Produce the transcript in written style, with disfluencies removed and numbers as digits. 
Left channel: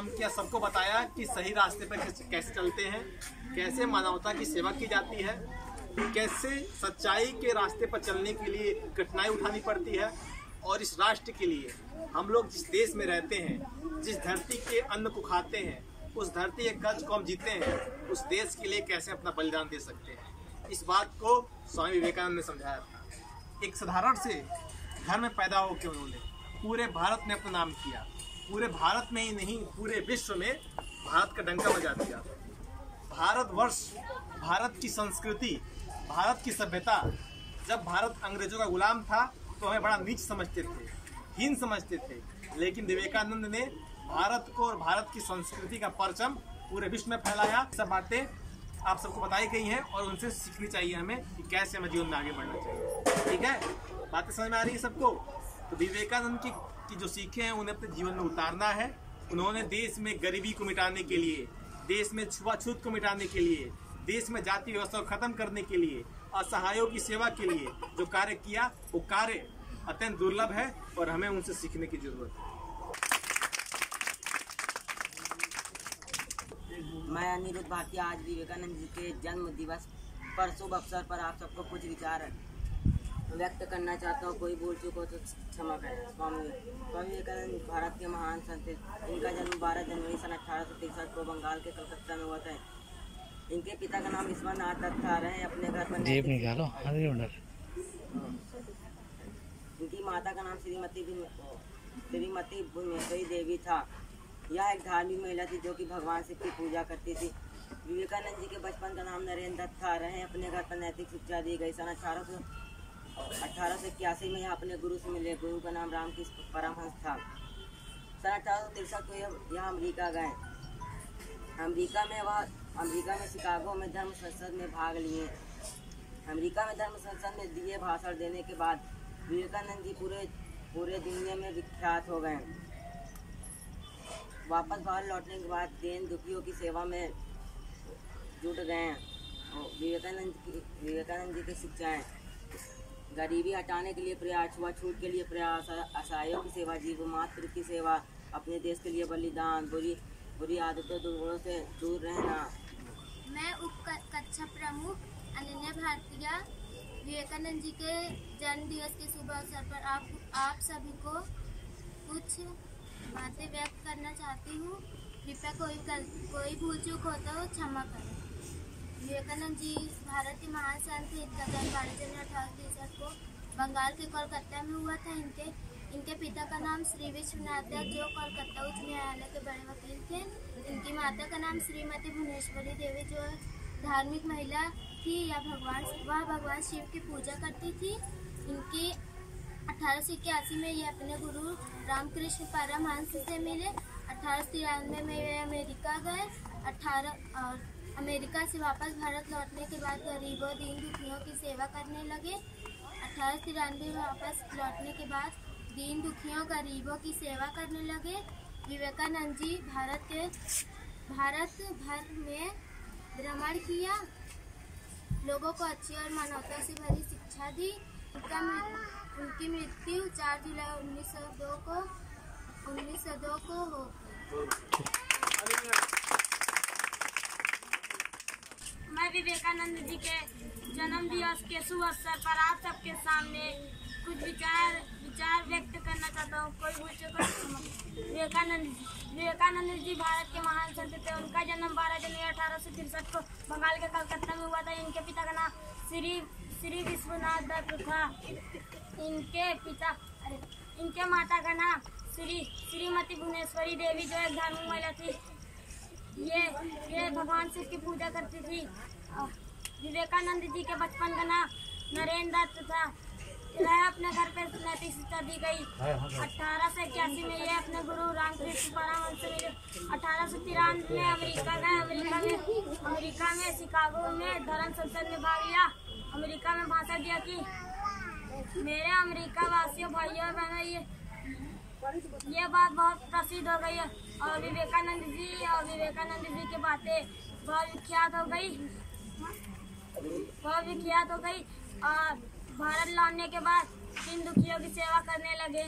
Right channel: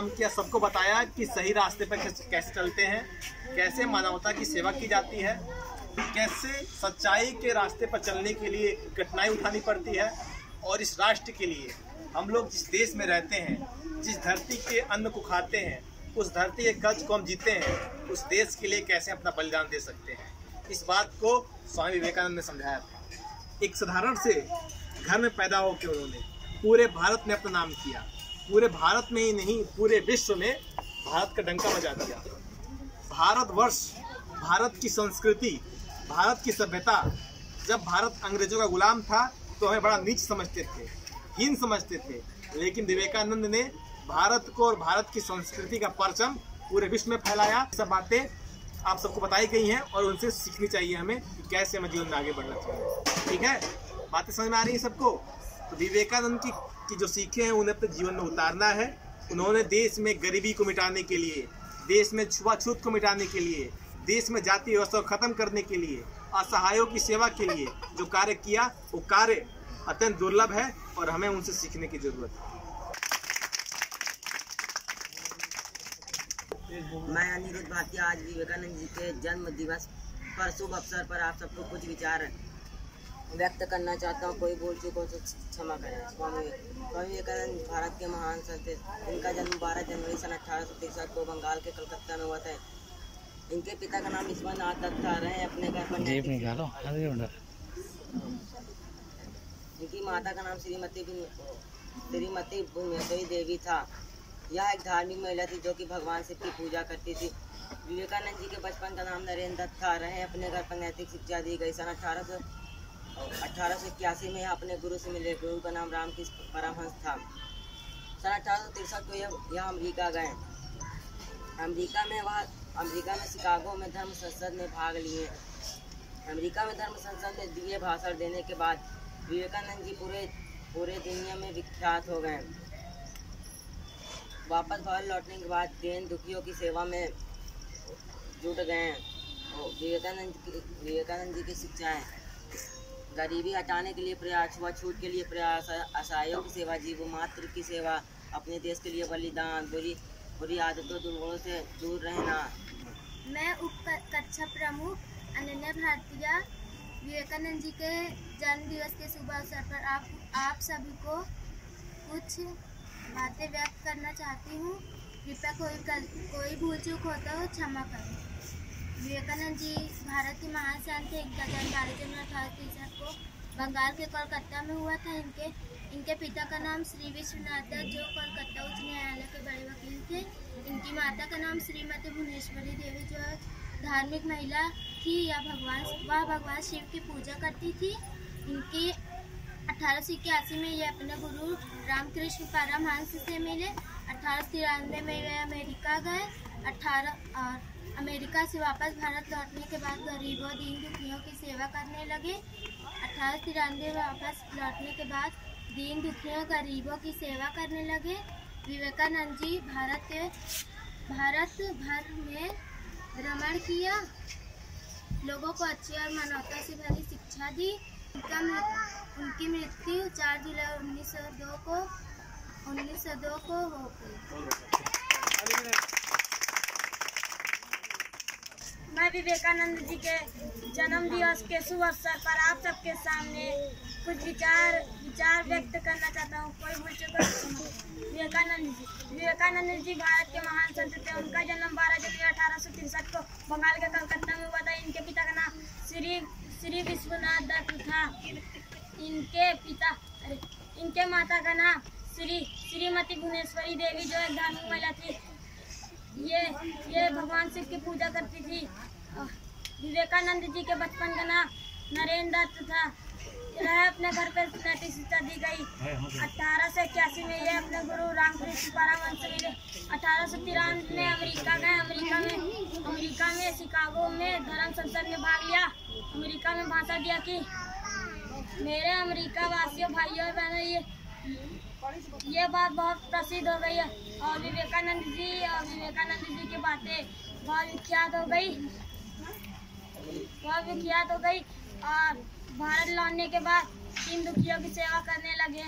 काम किया, सबको बताया कि सही रास्ते पर कैसे चलते हैं, कैसे मानवता की सेवा की जाती है, कैसे सच्चाई के रास्ते पर चलने के लिए कठिनाई उठानी पड़ती है, और इस राष्ट्र के लिए हम लोग जिस देश में रहते हैं, जिस धरती के अन्न को खाते हैं, उस धरती के कर्ज को हम जीते हैं, उस देश के लिए कैसे अपना बलिदान दे सकते हैं। इस बात को स्वामी विवेकानंद ने समझाया था। एक साधारण से घर में पैदा होकर उन्होंने पूरे भारत में अपना नाम किया। पूरे भारत में ही नहीं, पूरे विश्व में भारत का डंका बजा दिया। भारतवर्ष, भारत की संस्कृति, भारत की सभ्यता, जब भारत अंग्रेजों का गुलाम था तो हमें बड़ा नीच समझते थे, हीन समझते थे, लेकिन विवेकानंद ने भारत को और भारत की संस्कृति का परचम पूरे विश्व में फैलाया। सब बातें आप सबको बताई गई हैं और उनसे सीखनी चाहिए हमें कि कैसे हमें जीवन में आगे बढ़ना चाहिए। ठीक है, बातें समझ में आ रही है सबको? तो विवेकानंद की जो सीखें हैं उन्हें अपने जीवन में उतारना है। उन्होंने देश में गरीबी को मिटाने के लिए, देश में छुआछूत को मिटाने के लिए, देश में जाति व्यवस्था को खत्म करने के लिए, असहायों की सेवा के लिए जो कार्य किया, वो कार्य अत्यंत दुर्लभ है और हमें उनसे सीखने की जरूरत है। मैं अनिरुद्ध भाटिया आज विवेकानंद जी के जन्म दिवस पर शुभ अवसर पर आप सबको कुछ विचार व्यक्त करना चाहता हूँ। कोई भूल चूक हो तो क्षमा करें। स्वामी विवेकानंद भारत के महान संत थे। इनका जन्म 12 जनवरी सन 1863 को बंगाल के कलकत्ता में हुआ था। इनके पिता का नाम विश्वनाथ दत्त था। रहे अपने घर पर इनकी माता का नाम श्रीमती भुवनेश्वरी देवी था। यह एक धार्मिक महिला थी जो कि भगवान शिव की पूजा करती थी। विवेकानंद जी के बचपन का नाम नरेंद्र दत्त था। रहे अपने घर पर नैतिक शिक्षा दी गई। सन 1881 में यह अपने गुरु से मिले। गुरु का नाम रामकृष्ण परमहंस था। सन 1863 को यह अमेरिका गए। अमेरिका में शिकागो में धर्म संसद में भाग लिए। अमेरिका में धर्म संसद में दिए भाषण देने के बाद विवेकानंद जी पूरे दुनिया में विख्यात हो गए। वापस भारत लौटने के बाद दीन दुखियों की सेवा में जुट गए। विवेकानंद जी की शिक्षाएं: गरीबी हटाने के लिए प्रयास, छुआछूत के लिए प्रयास, असहायों की सेवा, जीव मात्र की सेवा, अपने देश के लिए बलिदान, बुरी आदतों दुर्गुणों से दूर रहना। मैं उप कक्षा प्रमुख अनन्या भारतीय विवेकानंद जी के जन्म दिवस के शुभ अवसर पर आप सभी को कुछ बातें व्यक्त करना चाहती हूँ। कृपया कोई भूल चूक होता हो क्षमा करें। विवेकानंद जी भारत के महान संत थे। इनका जन्म 12 जनवरी 1863 को बंगाल के कोलकाता में हुआ था। इनके पिता का नाम श्री विश्वनाथ दत्त जो कोलकाता उच्च न्यायालय के बड़े वकील थे। इनकी माता का नाम श्रीमती भुवनेश्वरी देवी जो धार्मिक महिला थी। वह भगवान शिव की पूजा करती थी। इनकी 1881 में ये अपने गुरु रामकृष्ण परमहंस से मिले। 1893 में वे अमेरिका गए। अमेरिका से वापस भारत लौटने के बाद गरीबों दीन दुखियों की सेवा करने लगे। 1893 में वापस लौटने के बाद दीन दुखियों गरीबों की सेवा करने लगे। विवेकानंद जी भारत भर में भ्रमण किया, लोगों को अच्छी और मानवता से भरी शिक्षा दी। उनकी मृत्यु 4 जुलाई 1902 को हो गई। मैं विवेकानंद जी के जन्म दिवस के शुभ अवसर पर आप सबके सामने कुछ विचार व्यक्त करना चाहता हूँ। कोई भूल चूक हो। विवेकानंद जी भारत के महान संत थे। उनका जन्म 12 जनवरी 1863 को बंगाल के कलकत्ता में हुआ था। इनके पिता का नाम श्री विश्वनाथ दत्त था। इनके माता का नाम श्रीमती भुवनेश्वरी देवी जो एक धार्मिक महिला थी। ये भगवान शिव की पूजा करती थी। विवेकानंद जी के बचपन का नाम नरेंद्र दत्त था। रहे अपने घर पर नैतिक शिक्षा दी गई। 1881 में ये अपने गुरु रामकृष्ण परमहंस से मिले। 1893 में अमेरिका गए। अमेरिका में शिकागो में धर्म संसद में भाग लिया। अमेरिका में भाषण दिया कि मेरे अमेरिका वासियों भाइयों और बहनों, ये बात बहुत प्रसिद्ध हो गई है और विवेकानंद जी की बातें बहुत विख्यात हो गई और भारत लौटने के बाद दीन दुखियों की सेवा करने लगे।